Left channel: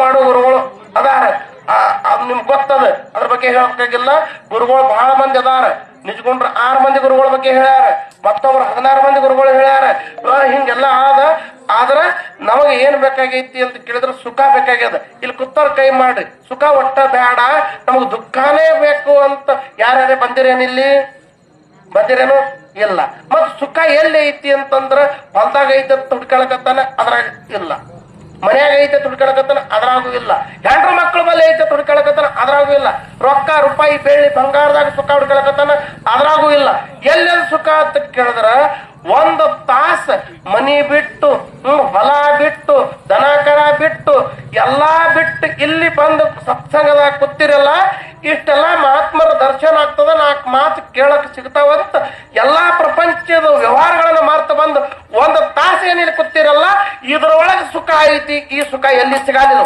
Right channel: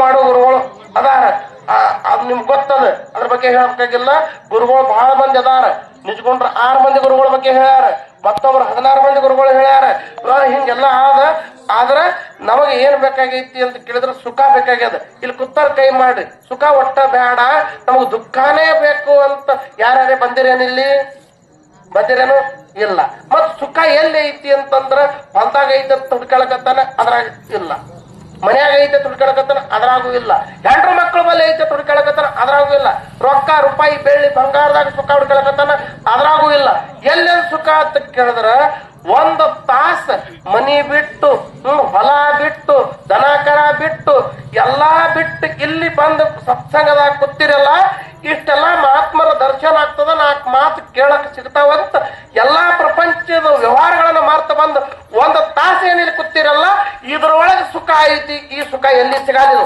ಮಾಡೋ ಗುರುಗಳು ಅದಾರ. ಅದ್ ನಿಮ್ಗೆ ಗೊತ್ತದ, ಅದ್ರ ಬಗ್ಗೆ ಹೇಳಬೇಕಾಗಿಲ್ಲ. ಗುರುಗಳು ಬಹಳ ಮಂದಿ ಅದಾರ. ನಿಜಗೊಂಡ್ರ 6 ಮಂದಿ ಗುರುಗಳ ಬಗ್ಗೆ ಹೇಳ್ಯಾರ, ಮತ್ತೊಬ್ರು 16 ಮಂದಿ ಗುರುಗಳು ಹೇಳ್ಯಾರ. ಹಿಂಗೆಲ್ಲ ಆದ್ರ ನಮಗ ಏನ್ ಬೇಕಾಗೈತಿ ಅಂತ ಕೇಳಿದ್ರೆ ಸುಖ ಬೇಕಾಗ್ಯದ. ಇಲ್ಲಿ ಕುತ್ತಾರ ಕೈ ಮಾಡಿ ಸುಖ ಒಟ್ಟ ಬೇಡ, ನಮಗ್ ದುಃಖನೇ ಬೇಕು ಅಂತ ಯಾರೇ ಬಂದಿರೇನಿಲ್ಲಿ? ಬಂದಿರೇನು? ಇಲ್ಲ. ಮತ್ ಸುಖ ಎಲ್ಲಿ ಐತಿ ಅಂತಂದ್ರ ಹೊಲ್ದಾಗ ಐತೆ ತುಡ್ಕೊಳಕತ್ತಾನ, ಅದ್ರಾಗ ಇಲ್ಲ. ಮನ್ಯಾಗ ಐತೆ ತುಡ್ಕೊಳಕತ್ತಾನ, ಅದ್ರಾಗೂ ಇಲ್ಲ. ಹೆಂಡ್ರ ಮಕ್ಳ ಮೇಲೆ ಐತೆ ತುಡ್ಕೊಳಕತ್ತಾನ, ಅದ್ರಾಗೂ ಇಲ್ಲ. ರೊಕ್ಕ ರೂಪಾಯಿ ಬೆಳ್ಳಿ ಬಂಗಾರದಾಗ ಸುಖ ಹುಡ್ಕೊಳಕತ್ತಾನ, ಅದ್ರಾಗೂ ಇಲ್ಲ. ಎಲ್ಲೆಲ್ಲಿ ಸುಖ ಅಂತ ಕೇಳಿದ್ರ 1 ತಾಸ ಮನಿ ಬಿಟ್ಟು, ಹೊಲ ಬಿಟ್ಟು, ದನ ಕರ ಬಿಟ್ಟು, ಎಲ್ಲಾ ಬಿಟ್ಟು ಇಲ್ಲಿ ಬಂದು ಸತ್ಸಂಗದಾಗ ಕೂತಿರಲ್ಲ, ಇಷ್ಟೆಲ್ಲ ಮಹಾತ್ಮರ ದರ್ಶನ ಆಗ್ತದ, 4 ಮಾತು ಕೇಳಕ್ ಸಿಗ್ತಾವಂತ ಎಲ್ಲಾ ಪ್ರಪಂಚದ ವ್ಯವಹಾರಗಳನ್ನ ಮಾರ್ತ ಬಂದು 1 ತಾಸ ಏನಿಲ್ಲ ಕೂತಿರಲ್ಲ, ಇದ್ರೊಳಗೆ ಸುಖ ಐತಿ. ಈ ಸುಖ ಎಲ್ಲಿ ಸಿಗಲ್ಲ.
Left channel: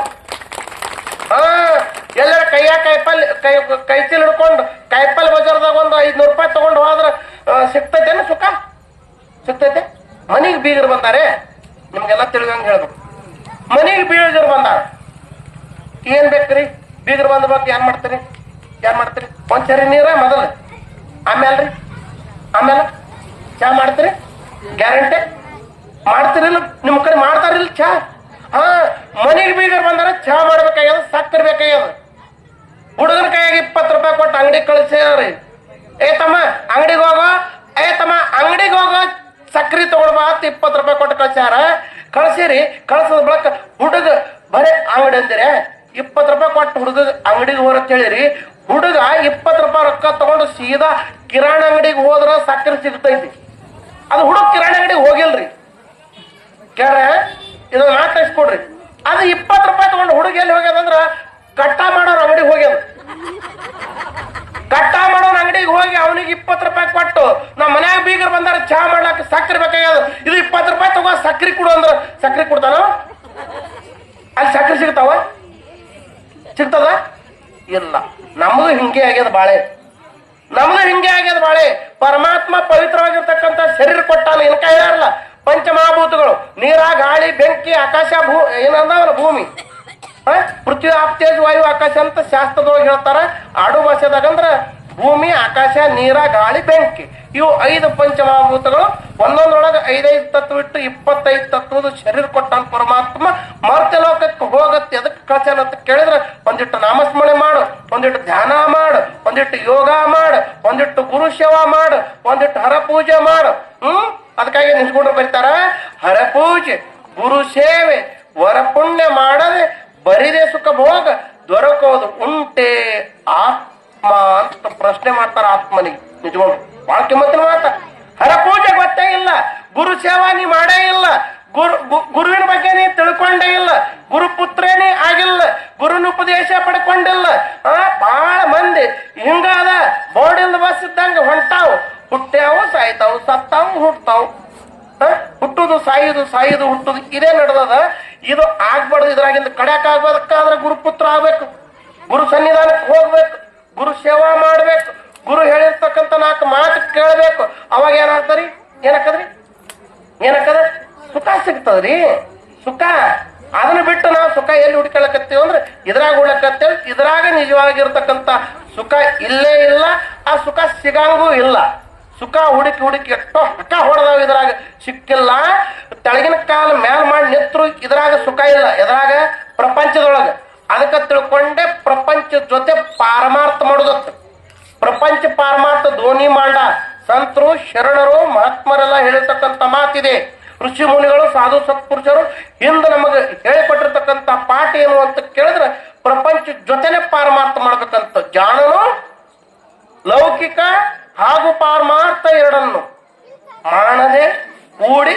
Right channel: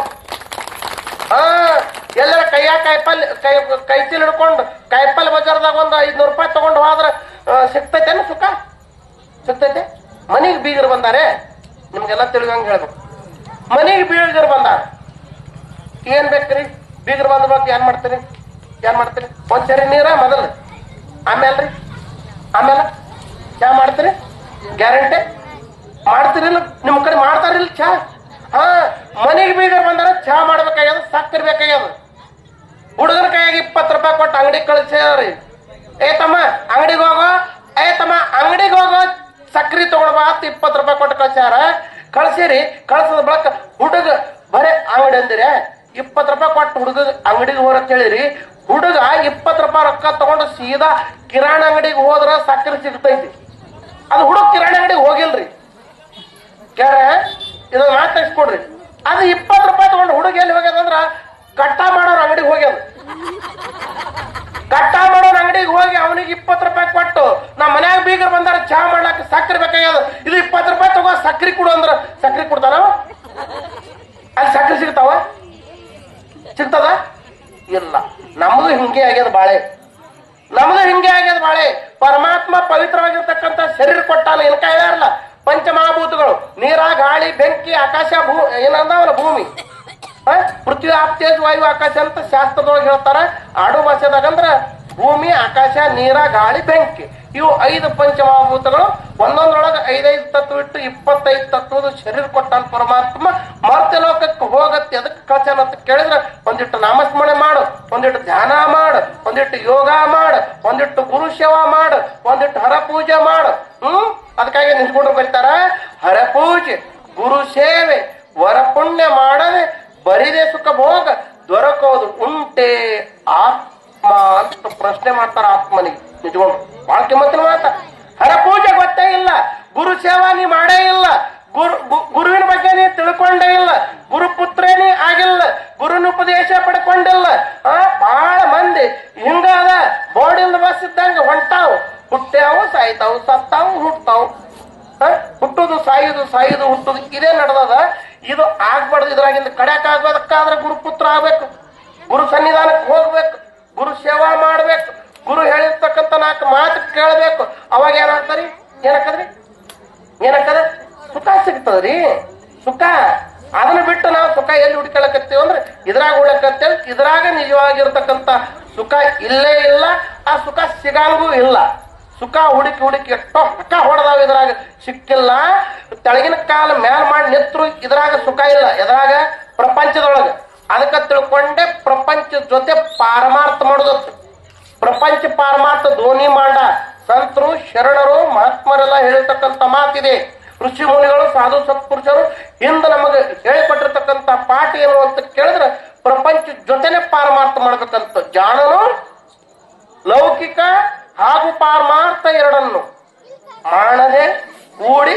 ಎಲ್ಲರ ಕೈಯ ಕೈ ಚೀಲ ಹಿಡ್ಕೊಂಡು ಕಾಯಿಪಲ್ಲೆ ಬಜಾರ್ದಾಗ ಒಂದು 500 ರೂಪಾಯಿ ತಗೊಂಡು ಹೋದ್ರ ಸಿಗ್ತೈತೇನು ಸುಖ? ಸಿಗ್ತೈತೆ? ಮನಿಗೆ ಬೀಗರು ಬಂದಾರೆ, ನಿಮ್ಗೆಲ್ಲ ತಿಳಿದಂಗೆ ಹೇಳ್ಬೇಕು. ಮನಿಗೆ ಬೀಗರು ಬಂದಾರ, ಏನ್ ಬೇಕ್ರಿ? ಬೀಗರು ಬಂದ್ಬೇಕು, ಏನ್ ಮಾಡ್ತೀರಿ? ಒಂದ್ಸರಿ ನೀರ ಮೊದಲು, ಆಮೇಲೆ ಚಾ ಮಾಡ್ತೀರಿ? ಗ್ಯಾರಂಟಿ ಮಾಡ್ತೀರಿಲ್ಲ? ನಿಮ್ ಕಡೆ ಮಾಡ್ತಾರಿಲ್ಲ ಚಾ? ಮನೆಗೆ ಬೀಗರು ಬಂದಾರ, ಚಾ ಮಾಡ್ಬೇಕಾಗ್ಯದ, ಸಕ್ಕರೆ ಬೇಕಾಗ್ಯದ. ಹುಡುಗನ ಕೈಯಾಗ 20 ರೂಪಾಯಿ ಕೊಟ್ಟು ಅಂಗಡಿ ಕಳಿಸ್ಯಾರಿ. ತಮ್ಮ ಅಂಗಡಿಗೆ ಹೋಗೋ ಸಕ್ರಿ ತಗೊಳ್ಬಾ ಅಂತ 20 ರೂಪಾಯಿ ಕೊಟ್ಟು ಕಳ್ಸ್ಯಾರ. ಕಳ್ಸಿರಿ. ಕಳ್ಸದ ಬಳಕ ಹುಡುಗ ಬರೇ ಅಂಗಡಿ ಅಂದಿರೆ 20 ರೂಪಾಯಿ ಕೊಟ್ಟು ಹುಡುಗ ಅಂಗಡಿಗೆ ಹೋರತ್ ಹೇಳಿರಿ. ಹುಡುಗ 20 ರೂಪಾಯಿ ರೊಕ್ಕ ತಗೊಂಡು ಸೀದಾ ಕಿರಾಣಿ ಅಂಗಡಿಗೆ ಹೋದ್ರ ಸಕ್ಕರೆ ಸಿಗ್ತೈತಿ. ಅದು ಹುಡುಗ ಕಿರಾಣಿ ಅಂಗಡಿಗೆ ಹೋಗಿಲ್ರಿ. ಕೇಳ್ರ, ಇದನ್ನ ಮಾತಾಡ್ಸ್ಕೊಡ್ರಿ. ಅದು 20 ರೂಪಾಯಿ ತಗೊಂಡು ಹುಡುಗ ಎಲ್ಲಿ ಹೋಗ್ಯದಂದ್ರ ಕಟ್ಟ ಮಾಡೋರ್ ಅಂಗಡಿಗೆ ಹೋಗ್ಯದ. ಕಟ್ಟ ಮಾಡೋರ್ ಅಂಗಡಿಗೆ ಹೋಗಿ ಅವನಿಗೆ 20 ರೂಪಾಯಿ ಕೊಟ್ಟು, ನಮ್ಮ ಮನ್ಯಾಗ ಬೀಗರು ಬಂದಾರ ಚಹಾ ಮಾಡ್ಲಾಕ ಸಕ್ಕರೆ ಬೇಕಾಗ್ಯದ, ಇದು 20 ರೂಪಾಯಿ ತಗೋ ಸಕ್ಕರೆ ಕೊಡು ಅಂದ್ರ ಸಕ್ಕರೆ ಕೊಡ್ತಾನ? ಅಲ್ಲಿ ಸಕ್ಕರೆ ಸಿಗ್ತದ? ಇಲ್ಲ. ನಮ್ದು ಹಿಂಗೆ ಆಗ್ಯದ ಬಾಳೆ. ಪರಮಾತ್ಮ ಪವಿತ್ರವಾಗಿರ್ತಕ್ಕಂಥ ಶರೀರ ಕೊಟ್ಟಾನ. ಏನಕ್ಕ ಇರಲ್ಲ ಪಂಚಮಹಾಭೂತಗಳು, ನೀರ, ಗಾಳಿ, ಬೆಂಕಿ, ಆಕಾಶ, ಏನಂದವಲ್ಲ ಭೂಮಿ, ಪೃಥ್ವಿ, ಆಪ್ತೇಜ, ವಾಯು, ಆಕಾಶ ಅಂತ ಶಾಸ್ತ್ರದೊಳಗೆ ಹೇಳ್ತಾರ. ಆಡು ಭಾಷೆದಾಗಂದ್ರ ಭೂಮಿ, ಆಕಾಶ, ನೀರ, ಗಾಳಿ, ಬೆಂಕಿ, ಇವು 5 ಪಂಚಮಹಾಭೂತಗಳು. ಒಂದೊಂದ್ರೊಳಗೆ 5 ತತ್ವ ಇಟ್ಟು 25 ತತ್ವದ ಶರೀರ ಕೊಟ್ಟಾನ ಪರಮಾತ್ಮ. ಮರ್ತ್ಯ ಲೋಕಕ್ಕೆ ಹೋಗತ್ತೆ ಎದಕ್ಕೆ ಕಳ್ಸ್ಯಾನ ಅಂತ ಕೇಳಿದ್ರೆ, ಒಂದಿಟ್ಟು ನಾಮಸ್ಮರಣೆ ಮಾಡು, ಒಂದಿಟ್ಟು ಧ್ಯಾನ ಮಾಡು, ಒಂದಿಟ್ಟು ಯೋಗ ಮಾಡು, ಒಂದಿಟ್ಟು ಗುರು ಸೇವಾ ಮಾಡು, ಒಂದಿಟ್ಟು ಹರ ಪೂಜೆ ಮಾಡು. ಅದಕ್ಕಾಗಿ ನಿಂತ್ಕೊಂಡ್ರು ಬರ್ತಾರ, ಹರಪೂಜೆ, ಗುರು ಸೇವೆ, ವರ ಪುಣ್ಯ ಮಾಡದೆ ಬರಿದೆ ಸುಖ ಭೋಗ ದೊರಕೋದು ಉಂಟೆ ಆತ್ಮ ಅಂತ ಪ್ರಶ್ನೆ ಮಾಡ್ತಾರ ಆತ್ಮನಿಗೆ. ನಿಜಗೊಂಡು ಬಹಳ ಕಿಮ್ಮತ್ತಿನ ಮಾತ. ಹರಪೂಜೆ ಗೊತ್ತೇ ಇಲ್ಲ, ಗುರು ಸೇವಾ ನೀ ಮಾಡೇ ಇಲ್ಲ, ಗುರುವಿನ ಬಗ್ಗೆ ನೀ ತಿಳ್ಕೊಂಡೇ ಇಲ್ಲ, ಗುರುಪುತ್ರನೇ ಆಗಿಲ್ಲ, ಗುರುವಿನ ಉಪದೇಶ ಪಡ್ಕೊಂಡಿಲ್ಲ. ಬಹಳ ಮಂದಿ ಹಿಂಗಾದ ಬೋರ್ಡಿಂದ ಬಸ್ ಇದ್ದಂಗ ಹೊಂಟಾವು, ಹುಟ್ಟ್ಯಾವು ಸಾಯ್ತಾವು, ಸತ್ತಾವು ಹುಟ್ತಾವು. ಹುಟ್ಟುದು ಸಾಯುದು ಹುಟ್ಟುದು ಇದೇ ನಡೆದದ. ಇದು ಆಗ್ಬಾರ್ದು. ಇದ್ರಾಗಿಂದ ಕಡ್ಯಾಕ ಆಗ್ಬೇಕಾದ್ರೆ ಗುರುಪುತ್ರ ಆಗ್ಬೇಕು, ಗುರು ಸನ್ನಿಧಾನಕ್ಕೆ ಹೋಗ್ಬೇಕು, ಗುರು ಸೇವಾ ಮಾಡ್ಬೇಕು, ಗುರು ಹೇಳಿರ್ತಕ್ಕಂಥ 4 ಮಾತು ಕೇಳ್ಬೇಕು. ಅವಾಗ ಏನಕ್ಕದ್ರಿ ಸುಖ ಸಿಗ್ತದ್ರಿ. ಸುಖ ಅದನ್ನ ಬಿಟ್ಟು ನಾವು ಸುಖ ಎಲ್ಲಿ ಹುಡ್ಕೊಳಕತ್ತೀವಿ ಅಂದ್ರೆ ಇದ್ರಾಗ ಹುಡ್ಕತ್ತೇವೆ. ಇದ್ರಾಗ ನಿಜವಾಗಿರ್ತಕ್ಕಂಥ ಸುಖ ಇಲ್ಲೇ ಇಲ್ಲ, ಆ ಸುಖ ಸಿಗಂಗೂ ಇಲ್ಲ. ಸುಖ ಹುಡುಕಿ ಎಷ್ಟೋ ಸುಖ ಹೊಡೆದಾವ, ಇದ್ರಾಗ ಸಿಕ್ಕಿಲ್ಲ. ತೆಳಗಿನ ಕಾಲ ಮ್ಯಾಲ ಮಾಡಿ ನಿತ್ರು ಇದ್ರಾಗ ಸುಖ ಇಲ್ಲ. ಎದ್ರಾಗ ಪ್ರಪಂಚದೊಳಗ. ಅದಕ್ಕೆ ತಿಳ್ಕೊಂಡೆ ಪ್ರಪಂಚದ ಜೊತೆ ಪಾರಮಾರ್ಥ ಮಾಡೋದತ್ತು. ಪ್ರಪಂಚ ಪಾರಮಾರ್ಥ ಧ್ವನಿ ಮಾಡ ಸಂತರು, ಶರಣರು, ಮಹಾತ್ಮರೆಲ್ಲ ಹೇಳಿರ್ತಕ್ಕಂಥ ಮಾತಿದೆ. ಋಷಿ ಮುನಿಗಳು, ಸಾಧು ಸತ್ಪುರುಷರು ಹಿಂದೆ ನಮಗೆ ಹೇಳಿಕೊಟ್ಟಿರ್ತಕ್ಕಂಥ ಪಾಠ ಏನು ಅಂತ ಕೇಳಿದ್ರೆ, ಪ್ರಪಂಚ ಜೊತೆನೆ ಪಾರಮಾರ್ಥ ಮಾಡ್ಬೇಕಂತ. ಜಾಣನು ಲೌಕಿಕ ಹಾಗೂ ಪಾರಮಾರ್ಥ ಎರಡನ್ನು ಮಾಡದೆ ಕೂಡಿ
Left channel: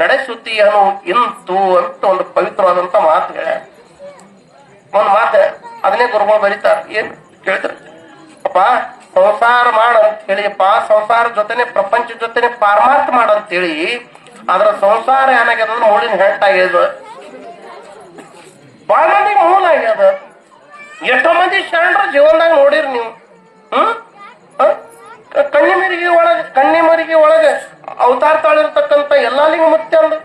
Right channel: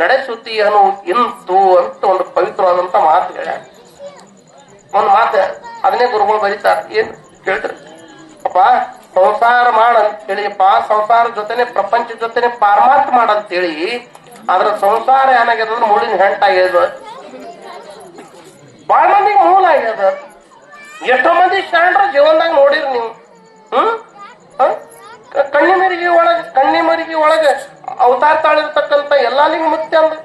ನಡೆಸುತ್ತೀಯನು ಇಂತು ಅಂತ ಒಂದು ಪವಿತ್ರವಾದಂತ ಮಾತು ಹೇಳ. ಒಂದು ಮಾತು ಅದನ್ನೇ ಗುರುಗಳು ಬರೀತಾರೆ. ಏನ್ ಕೇಳ್ತಾರೆ? ಅಪ್ಪ ಸಂಸಾರ ಮಾಡಂತ ಹೇಳಿಯಪ್ಪ, ಸಂಸಾರ ಜೊತೆನೆ ಪ್ರಪಂಚ ಜೊತೆನೆ ಪಾರಮಾರ್ಥ ಮಾಡಂತ ಹೇಳಿ. ಆದ್ರ ಸಂಸಾರ ಏನಾಗ್ಯದ ಮೂಲಿನ ಹೆಂಟಾಗ್ಯದ, ಬಹಳ ಮಂದಿ ಮೂಲ ಆಗ್ಯದ. ಎಷ್ಟೋ ಮಂದಿ ಶರಣರ ಜೀವನದಾಗ ನೋಡಿರಿ ನೀವು. ಕಣ್ಣಿಮರಿಗೆ ಒಳಗೆ ಅವತಾರ ತಾಳಿರ್ತಕ್ಕಂಥ ಎಲ್ಲಾ ಲಿಂಗ ಮುತ್ಯ ಅಂದು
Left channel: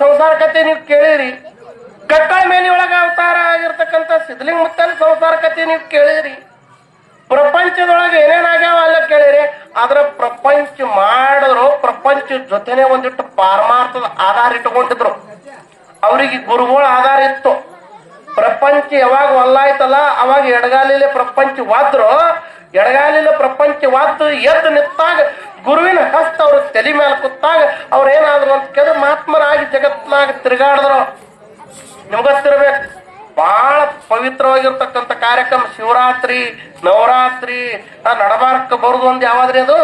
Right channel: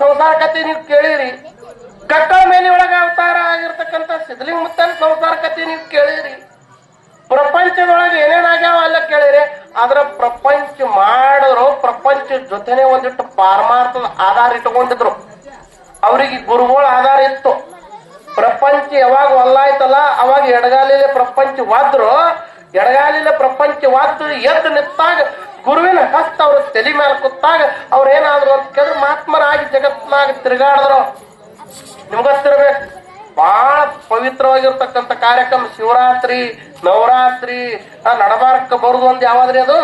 ಸಂಸಾರ ಕತೆ ನೀವು ಕೇಳಿರಿ. ಕಕ್ಕಳ ಮೇಲೆ ಒಳಗ ಅವತಾರ ಆಗಿರ್ತಕ್ಕಂಥ ಸಿದ್ಧಲಿಂಗ ಮುತ್ತನ ಸಂಸಾರ ಕಥೆ ನೀವು ಕೇಳಿರಿ. ಪ್ರಪಂಚದೊಳಗೆ ಏನೇನಾಗ್ಯಾವ ಅಲ್ಲ ಕೇಳಿರಿ. ಆದ್ರ ಪ್ರಪಂಚ ಮಾಡಿದ್ರು ಪ್ರಪಂಚ ಜೊತೆನೆ ಒಂದಿಟ್ಟು ಪಾರಮಾರ್ಥದ ಆಧಾರ ಇಟ್ಕೊಂಡಿದ್ರು. ಅವ್ರಿಗೆ ಗುರುಗಳ ಆಧಾರ ಇತ್ತು. ಪ್ರಪಂಚ ಯಾವಾಗ ಒಲ್ಲಾಯ್ತಲ್ಲ ಅವಾಗ ಎಡಗಾಲಿಲೆ ಪ್ರಪಂಚ ವಾದ್ರು. ಎಡಗಾಲಿಲೆ ಪ್ರಪಂಚ ವಾದ್ದು ಎದ್ದು ನಿಂತಾಗ ಗುರುವಿನ ಹಸ್ತ ಅವ್ರ ತಲೆ ಮೇಲೆ ಕೂತಾಗ ಅವ್ರ ಏನಾದ್ರು ಅಂತ ಕೇಳಿದ್ರೆ ಮಹಾತ್ಮರಾಗಿ ಜಗತ್ನಾಗ ತಿರುಗಾಡಿದ್ರು. ನಿಮ್ಗೊತ್ತಿರ್ಬೇಕು, ಬಹಳ ಪವಿತ್ರವಾಗಿರ್ತಕ್ಕಂಥ ಕಾರ್ಯಕ್ರಮ ಶಿವರಾತ್ರಿ, ನವರಾತ್ರಿ, ನಡಬಾರಕ ಬರುದು ಒಂದು ಯಾವಾದ್ರಿ ಅದು?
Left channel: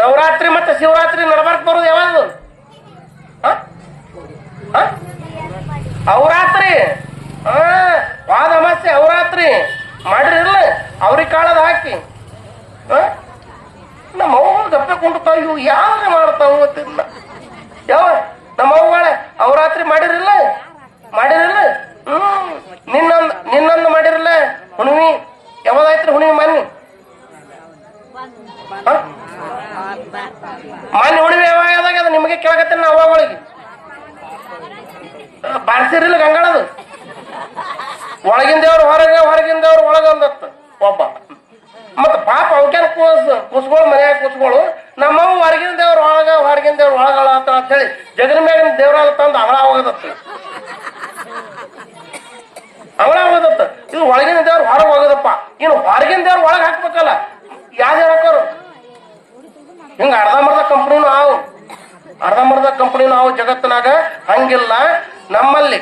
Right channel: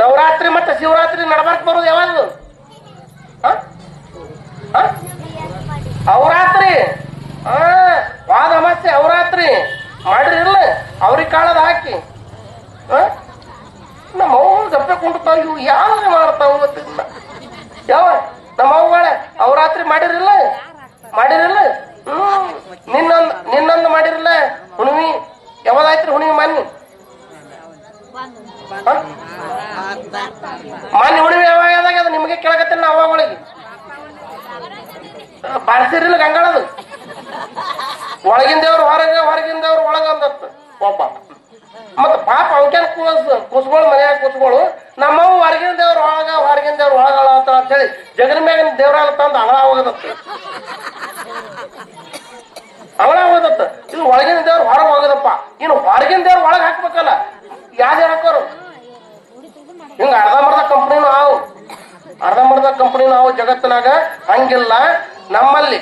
ನವರಾತ್ರಿ ಮತ್ತೆ ಶಿವರಾತ್ರಿ ನಡಬಾರಕ್ ಬರುದು ಯಾವ್ದು? ಅವರಾತ್ರಿ, ವಾದಮಾಸೆ ಅವರಾತ್ರಿ ಮಾಡಿರಿಲ್ಲ ಅವ್ರಿಗೆ ಕಾಳದ ಹಾಕಿ. ನಮ್ಮ ಅವ್ವ ದಪ್ಪೆ ಕೊಂಡ್ತಾವ, ಇವು ಯಾರು ಮಾಡ್ತಾವ ಗೊತ್ತಿಲ್ಲ. ಯಾವ ನಮ್ಮ ಅವ್ವಗಳ ಅವರಾತ್ರಿ ಮಾಡಿರಿಲ್ಲ? ನಿನ್ನೊಂದು ಮಾಡಿರಲ್ಲ ಹುಣ್ಣಿಮೆ. ಯಾವ್ದಾಯ್ತ್ರಿ ಹುಣ್ಣಿಮೆ? ಮನೆ ಹುಣ್ಣಿಮೆ ಯಾವಾಗ ಅದು ನಿಮಗೆ ಕೇಳಕತ್ತೇನೆ. ಅವ್ವಗಳಿಗೆ ಬಾಳ್ಸಿರಿಲ್ಲ ಗಂಗಾಳದು. ಒಳಗಿನ ದೇವ್ರು ಹೊರಗೆ, ಹೊರಗಿನ ದೇವ್ರು ಒಳಗ ಅಂದತ್ತು ಒಬ್ಬ. ಮತ್ತ ಪಾಪ ಅವಕೇನ್ ಕೂಸ್ಗಳು ಮನ್ಯಾಗ ಕೂಸ್ಗಳು ನಮ್ಮವ್ ಹೊರಗಿನ ದೇವ್ರ ಒಳಗ, ಹೊರಗಿನ ದೇವ್ರ ಒಳಗಳ ಅಂತ ಹೇಳಿ ಜಗನ ಮ್ಯಾಗಿನ ದೇವ್ರ ತಂದು ಅವಳ ಹೋಗದತ್ತು. ಅವಳ ಹೋಗದತ್ತ. ಇದು ಒಳಗಿನ ದೇವ್ರ ಹೊರಗೆ ಹೋಗದಪ್ಪ. ಇನ್ನು ಹೊರಗಿನ ದೇವ್ರ ಒಳಗೆ ಹಾಕ್ಬೇಕಲ್ಲ, ಯಾವ್ದು ಹಾಕೋರು? ಹಿಂಗ ಅರ್ಧಂಬರ್ಧ ಕಂಪ್ನಿ ನಾವು ಜಗತ್ತಿನಾಗ ಹಂಗಿಲ್ಲ. ನಮ್ಮಲ್ಲಿ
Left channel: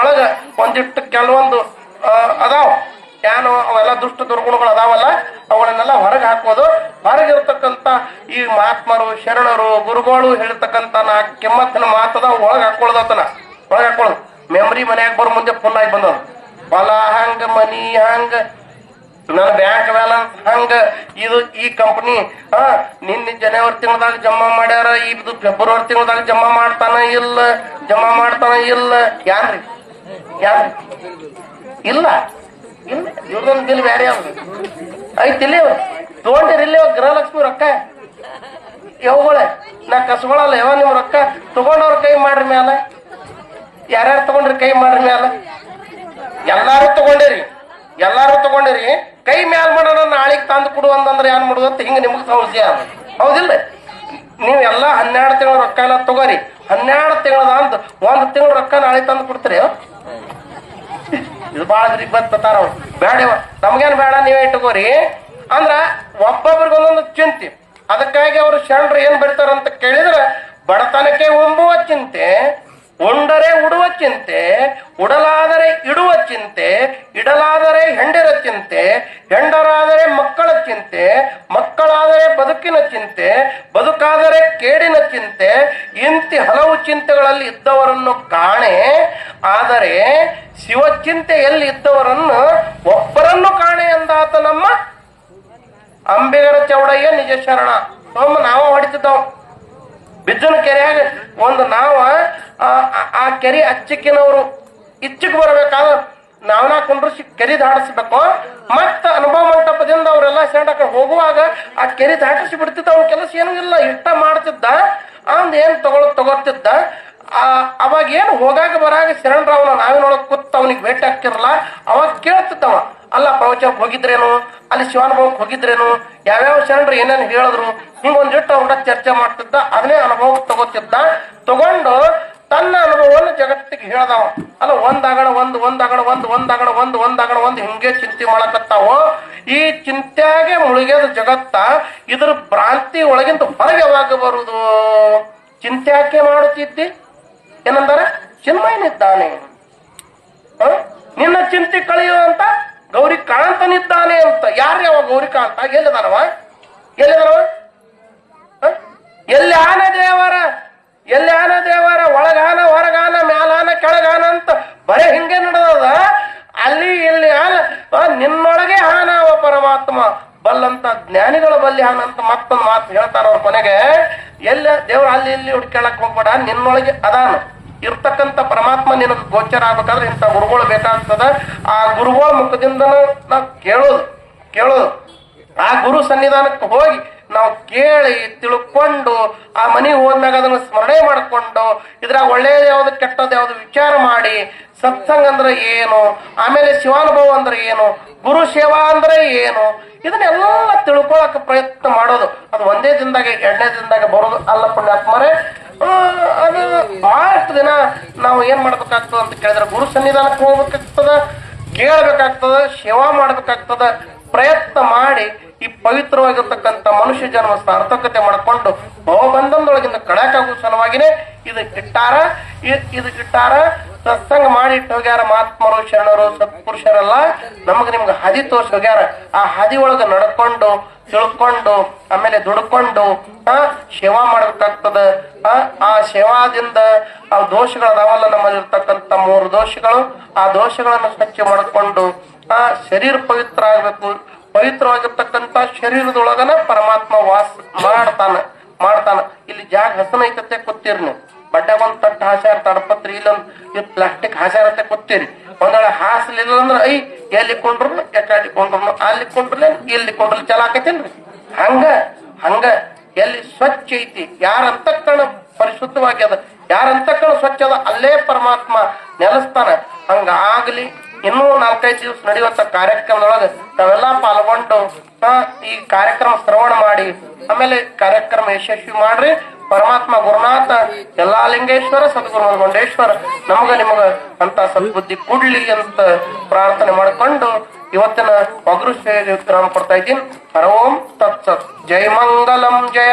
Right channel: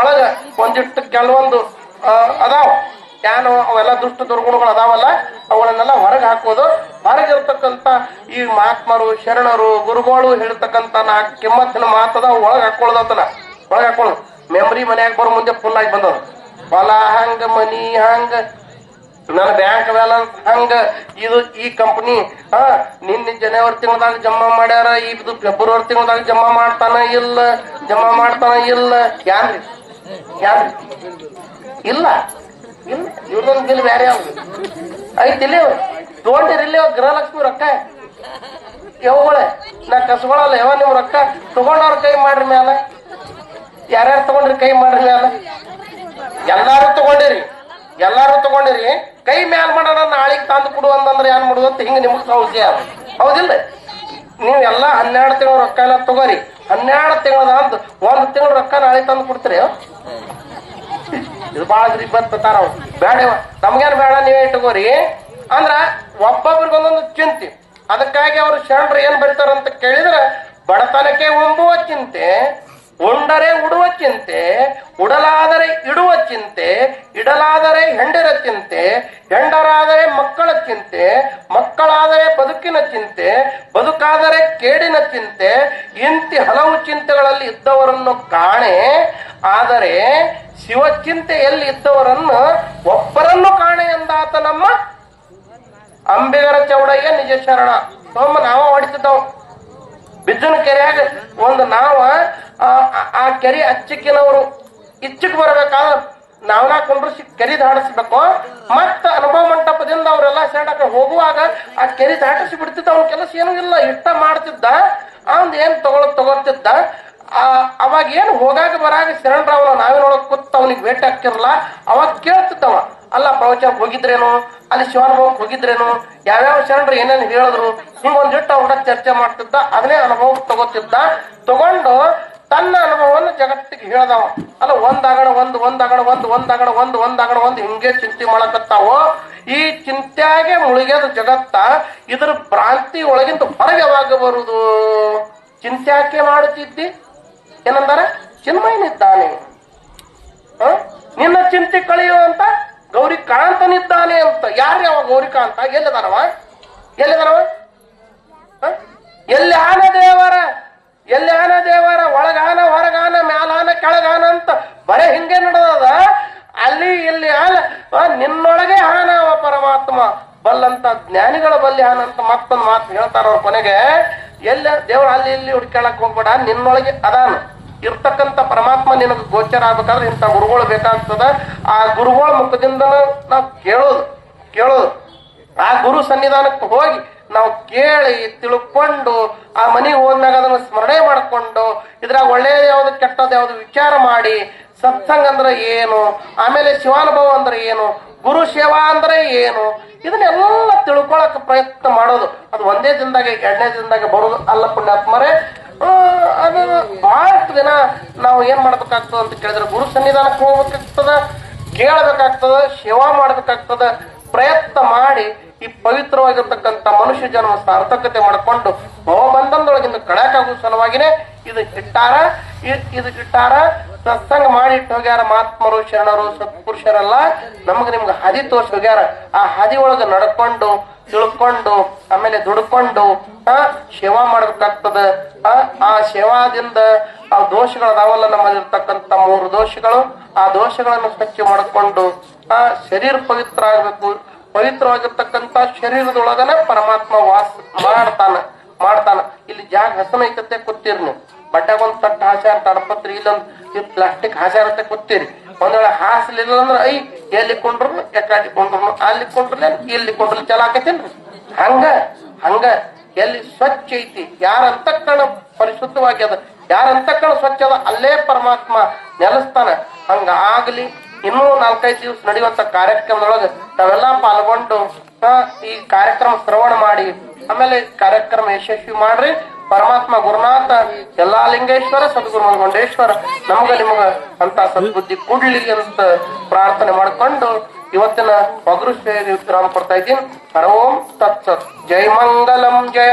ಒಳಗ ಒಂದಿಟ್ಟು ಕೆಲವೊಂದು ಅದಾವ, ಏನು ಅವೆಲ್ಲ ದುಷ್ಟ ದುರ್ಗುಣಗಳು ಅದಾವಲ್ಲ, ಅವುಗಳನ್ನೆಲ್ಲ ಹೊರಗೆ ಹಾಕೋದು. ಹೊರಗಿರ್ತಕ್ಕಂಥ ಈ ಮಹಾತ್ಮರು, ಶರಣರು, ಗುರುಗಳು ಹೇಳ್ತಕ್ಕಂಥ ಕೆಮ್ಮತ್ತಿನ ಮಾತದ ಒಳಗೆ ಹಾಕೊಳ್ಳೋದತ್ತನ. ಒಳಗೆ ಹಾಕೊಳ್ಳೋದು ಮೆಮ್ರಿ ಮನ್ಯಾಗ ಬರೋ ಮುಂದೆ ಫುಲ್ ಆಗಿ ಬಂದವರು. ಹೊಲ ಹಂಗ, ಮನಿ ಹಂಗ, ನನ್ನ ಬ್ಯಾಂಕ್ ಬ್ಯಾಲೆನ್ಸ್ ಹಂಗ, ಇದು ಈ ಕಂಪ್ನಿ ನಿನ್ನ ಜನವರಿ ತಿಂಗಳದಾಗ ಜಮಾ ಮಾಡ್ಯಾರ, ಇದು ಫೆಬ್ರವರಿ ತಿಂಗಳದಾಗ ಜಮಾ ಮಾಡ್ತಾನ ಇಲ್ಲ. ಯಾರ್ರಿ ಇಲ್ಲ ಇವ್ರದೊಂದು ಬಿಲ್ ಬ್ಯಾರೆ ಐತಿಲ್ಲಿ. ತಗೊಂಡಿರಿಲ್ಲ ಗೃಹಲಕ್ಷ್ಮಿ ರೊಕ್ಕ ಯಾವಳೆ ನಾ ಕಸ್ಕೊಳಲ್ಲ. ಯಾವ ನೀವು ರೊಕ್ಕ ತಗೊಂಡವ್ರ ಕೈ ಮಾಡ್ರಿ ಮ್ಯಾಲ. ಯಾರ್ಯಾರು ತಗೊಂಡ್ರಿ ಕೈ ಮಾಡ್ರಿ ಮ್ಯಾಲ. ಎಲ್ಲಾರು ತಗೊಂಡಿರಿ ಕೈ ಮ್ಯಾಲ ಮಾಡೋಣ. ನಾಳೆಗೆ ತಂದು ಕೊಡು ಅಂತಂದ್ರೆ ಏನ್ ಮಾಡುದು ಅಂತ ಹಿಂಗ ನಿಮ್ಗೆ ಸಮಸ್ಯೆ ಅದ, ಹೌದಿಲ್ಲ? ನೀವೆಲ್ಲ 12 ತಿಂಗಳ ರೊಕ್ಕ ಎಲ್ಲ ತಗೋರಿ. 12 ತಿಂಗಳದ ಅಂತ 1 ತಿಂಗಳ ರೊಕ್ಕ ನಾಳೆ ತಂದು ಕೊಡ್ತೀರಿ. ಇದು ಬಾಳ ಬತ್ತಾರ ಬೇಡ, ನಮ್ಗೇನ್ ಬೇಡ, ನೀವೇ ಇಟ್ಕೋರಿ ಅಂದ್ರ ಒಬ್ಬೊಬ್ರಿಗೊಂದೊಂದು ಚಿಂತೆ. ಅದಕ್ಕಾಗಿ ಅವರು ಶರಣರು ಏನ್ ಬರೀತಾರಂತ ಕೇಳಿದ್ರೆ, ಬಡತನಕ್ಕೆ ಒಂಬುವ ಚಿಂತೆ, ಉಂಡರೆ ಉಡುವ ಚಿಂತೆ, ಉಡಲಾದರೆ ಇಡುವ ಚಿಂತೆ, ಇಡಲಾದರೆ ಹೆಂಡರ ಚಿಂತೆ, ಹೆಂಡರಾದರೆ ಮಕ್ಕಳ ಚಿಂತೆ, ಮಕ್ಕಳಾದರೆ ಬದುಕಿನ ಚಿಂತೆ, ಬದುಕಾದರೆ ಕೇಡಿನ ಚಿಂತೆ, ಇಂತಿ ಹಲವು ಚಿಂತೆಗಳಲ್ಲಿ ಇದ್ದವರನ್ನು ಕಾಣೆ. ಆದರೆ ಶಿವಚಿಂತೆಯಲ್ಲಿ ಇದ್ದವರನ್ನು ಒಬ್ಬರನ್ನು ಕಾಣೆ ಎಂದಾತ ನಮ್ಮ ಅಂಬಿಗರ ಚೌಡಯ್ಯ ನಿಜ ಶರಣ. ಸೋಮ ನಾವ ಹೊಡಿತಿದ್ದಾವ ಬಿಜ್ಜನ ಕೆರೆಯಾಗ ಒಂದು ನಾವ ಆ ಕೆರೆ ಅಚ್ಚಿಕ್ಕಿನವರು ಇಚ್ಚಿಕ್ ಬರಬೇಕಾದ್ರೆ ನಾವನ ಕುಂಡ್ರಿಸಿ ಕೆರೆ ದಾಟಿಸ್ಬೇಕು. ಮತ್ತ ಅನುಭವ ಮಂಟಪದಿಂದ ಅವರೆಲ್ಲ ಸೆಂಡಕ ಹೋಗುವಾಗ ಆ ಕೆರೆ ದಾಟಿಸಿ ಬಿಡ್ತಿದ್ದ. ಅವನ ಕೆಲಸ ಏನೂ ಇಲ್ಲ, ಇಷ್ಟ ಮಾಡ್ತಿದ್ದ. ಅವನ್ ಏನ್ ತಗೋತಿದ್ದ. ಅವಾಗ ಏನು ಹೋಗಾಗ ಬರಾಗ ಶರಣರಾವನ ನಾವಿನೊಳಗೆ ಕೂತ್ ಅವನಿಗೆ ಭೇಟಿ ಆಗ್ತಿರಲ್ಲ. ಅವಾಗ ಕೇಳ್ತಿದ್ದವ, ಅಲ್ಲ ಪ್ರವಚನಕ್ಕೆ ಹೋಗಿದ್ರೇನು, ಅಲ್ಲಿ ಶಿವಾನುಭವಕ್ಕೆ ಹೋಗಿದ್ರೇನು, ಯಾವ್ಯಾವ ಶರಣರು ಏನೇನು ಹೇಳಿದ್ರು, ಹಿಂಗೊಂದಿಟ್ಟು ಅವ್ರ ಚರ್ಚೆ ಮಾಡ್ತಿದ್ದ. ಅದನ್ನೇ ಅನುಭವ ತಗೊಂಡು ತನ್ನ ಅನುಭವವನ್ನು ಜಗತ್ತಿಗೆ ಹೇಳ್ದವ. ಅಲ್ಲ ಒಂದಾಗಣ ಒಂದು ಹಿಂಗೆ ಚಿಂತೆ ಮಾಡಕತ್ತಾವೋ. ಈ ಚಿಂತ್ಯಾಗೆ ಮುಳುಗ್ಯದ ಜಗತ್ತ. ಇದ್ರ ಭ್ರಾಂತಿ ಒಳಗಿಂದ ಹೊರಗೆ ಯಾವಾಗ ಬರುದು? ಚಿಂತ್ಯಾಕೆ ಮಾಡುತ್ತಿದ್ದಿ ಏನಂದಾರ? ಚಿನ್ಮಯನಿದ್ದಾನೆ, ನಿನ್ನ ಚಿಂತೆ ಕಳೆಯುವಂತ ಗೌರಿಕಾಂತನಿದ್ದಾನೆ ಅಂತ. ಯಾರು ಯಾವ ಗೌರಿಕಾಂತ? ಎಲ್ಲಿದಾರವ? ಎಲ್ಲಿ ಆನ ದೇವರ ಒಳಗಾನ ಹೊರಗಾನ ಮ್ಯಾಲಾನ ಕೆಳಗಾನ ಅಂತ ಬರೇ ಹಿಂಗೆ ನಡೆದದ. ಅಲ್ಲಿ ಇಲ್ಲಿ ಆನ ನಿನ್ನೊಳಗೆ ಹಾನವ ಪರಮಾತ್ಮ ಬಲ್ಲಂತ ಜ್ಞಾನಿಗಳ ಬಲ್ಲಿ ಹಾನಂತ ಮತ್ತೊಂದು ಮಾತು ಹೇಳ್ತಾರ ಅವ್ರ ಕೊನೆಗೆ. ಎಲ್ಲ ದೇವ್ರ ಅಲ್ಲಿ ಇಲ್ಲಿ ಹುಡ್ಕೊಳ್ಳಕ್ ಹೋಗ್ಬೇಡ, ನಿನ್ನೊಳಗೆ ಅದಾನ ಇರ್ತಕ್ಕಂಥ ಪರಮಾತ್ಮ ನಿನಗೆ ಗೋಚರ ಆಗ್ಬೇಕಾದ್ರೆ ಇಂಥ ಗುರುಗಳು ಬೇಕಾಗ್ತದ. ಆ ಗುರುಗಳ ಮುಖದಿಂದ ನಾವು ಕೇಳೋದು. ಆ ಗುರು ಸನ್ನಿಧಾನಕ್ಕೆ ಹೋಗಿ ನಾವು ಕೇಳಿ ತಿಳ್ಕೊಂಡು ಆ ಮನೆಗೆ ಹೋದ್ಮ್ಯಾಗ ಅದನ್ನ ಸ್ಮರಣೆ ಮಾಡಿಕೊಂಡು ಇದ್ರಾಗ ಒಳ್ಳೇದು ಯಾವ್ದು ಕೆಟ್ಟದ್ದು ಯಾವ್ದು ವಿಚಾರ ಮಾಡಿ ಸತ್ಸಂಗ ಅಂದ್ರೆ ಏನು, ಆಮೇಲೆ ಶಿವಾನುಭವ ಅಂದ್ರೆ ಏನು, ಗುರು ಸೇವಾ ಅಂದ್ರೆ ಏನು, ಇದನ್ನೆಲ್ಲ ತಿಳ್ಕೊಳಕ್ ಪ್ರಯತ್ನ ಮಾಡೋದು. ಅದು ಒಂದೇ ದಿನದಾಗ ಎರಡನೇ ದಿನದಾಗ ಬರೋದು ಅಲ್ಲ ಪುಣ್ಯಾತ್ಮರೇ. ಅದು ಬಹಳಷ್ಟು ದಿನ ನಾವು ಏನ್ ಮಾಡ್ಬೇಕಾಗ್ತದ ಅಂತ ಕೇಳಿದ್ರೆ ಗುರು ಸನ್ನಿಧಾನಕ್ಕೆ ಹೋಗ್ಬೇಕಾಗ್ತದ, ಕೇಳಬೇಕಾಗ್ತದ, ಸೇವಾ ಮಾಡ್ಬೇಕಾಗ್ತದ. ಪ್ರಯತ್ನ ಮಾಡಿ ಈ ಪವಿತ್ರವಾಗಿರ್ತಕ್ಕಂಥ ಮನುಷ್ಯ ಜನ್ಮ ಸಾರ್ಥಕತೆ ಮಾಡಿಕೊಂಡು ಭವಬಂಧನದೊಳಗಿಂದ ಕಳಕಾಗುವ ಸಲುವಾಗಿನೇ ಇದು ಇಟ್ಟಾರ. ಸತ್ಸಂಗ ಮಾಡಿ ಇಟ್ಟು ಹೋಗ್ಯಾರ ಮಹಾತ್ಮರು, ಶರಣರು, ಸತ್ಪುರುಷರೆಲ್ಲ ನಿಮ್ಗೆ ಹಾದಿ ತೋರ್ಸಿ ಹೋಗ್ಯಾರ. ಆ ಹಾದಿ ಒಳಗ ನಡ್ಕೊಂಡು ತಿಳ್ಕೊಂಡು ಆಮೇಲೆ ದುಡ್ಕೊಂಡು ಸೇವಾ ಮಾಡ್ಬೇಕಾಗ್ತದ. ಆ ಸೇವಾದಿಂದ ಆ ದೋಷಗಳದಾವಲ್ಲ ನಮ್ಮಲ್ಲಿರ್ತಕ್ಕಂಥ 3 ದೋಷಗಳು, ಆ ದೋಷಗಳನ್ನು ಸ್ವಚ್ಛ ಮಾಡಿಕೊಂಡು ಶರೀರ ಪವಿತ್ರ ಆಗ್ಬೇಕು. ಪವಿತ್ರವಾಗಿರ್ತಕ್ಕಂಥ ಶರೀರದೊಳಗನ ಪರಮಾತ್ಮ ವಾಸ ಮಾಡ್ತಾನ. ಇಲ್ಲಿ ಜಾಗ ಹಸನ ಐತತ್ತೆ ಕೂತೀರಿ ನೀವು, ಬಡ್ಡಾಗ ಒಂದ್ ತಟ್ಟ ಹಾಸ್ಯಾರ, ತಡಪತ್ರಿ ಇಲ್ಲೊಂದು ಪ್ಲಾಸ್ಟಿಕ್ ಹಾಸ್ಯಾರತ್ತೆ ಕೂತೀರಿ. ಒಂದ್ ವೇಳೆ ಹಾಸ್ಲಿಲ್ಲ ಅಂದ್ರೆ ಎಲ್ಲಿ ಕೊಂಡ್ರು ಎಲ್ಲಿ ಕೊಂಡ್ರು ಅಲ್ಲಿ ಕೊಂಡ್ರಲ್ಲ ಇಲ್ಲಿ ಕೊಂಡ್ರಲ್ಲ ಚಲ ಆಕತ್ತೇನ್ರಿ. ಹಂಗ ಎಲ್ಲಿ ಸ್ವಚ್ಛ ಐತಿ, ಯಾರ ಅಂತಃಕರಣ ಪರಿಶುದ್ಧವಾಗ್ಯದ, ಯಾರ ಅಂತಃಕರಣ ಸ್ವಚ್ಛ ಅದ ಅಲ್ಲೇ ಪರಮಾತ್ಮ ನೆಲೆಸ್ತಾನ. ಹಂಗ ಆಗ್ಲಿ. ಇನ್ನೂ 4-5 ದಿವಸ ನಡೆಯುವಂತ ಕಾರ್ಯಕ್ರಮದೊಳಗೆ ತಾವೆಲ್ಲ ಪಾಲ್ಗೊಂಡು ಈ ಕಾರ್ಯಕ್ರಮ ಶ್ರವಣ ಮಾಡಿ ಆಮೇಲೆ ಕಾರ್ಯಕ್ರಮ ಯಶಸ್ವಿ ಮಾಡ್ರಿ. ಪರಮಾತ್ಮ ಗುರುನಾಥ ಎಲ್ಲಾ ಲಿಂಗೇಶ್ವರ ಸದ್ಗುರು ಮಂಡೇಶ್ವರ ನಮಗ ನಿಮಗ ಅಂತ ಸದ್ಬುದ್ಧಿ ಕೊಡ್ಲಿ ಅಂತ ಪ್ರಾರ್ಥನೆ ಮಾಡಿಕೊಂಡು ಇವತ್ತಿನ ಪಗುರು ವಿರಾಮ ಕೊಡ್ತಾ ಇದ್ದೀನಿ. ಹರ ಓಂ ತತ್ಸತ್. ಜೈ ಮಂಗಲಂ ಜಯ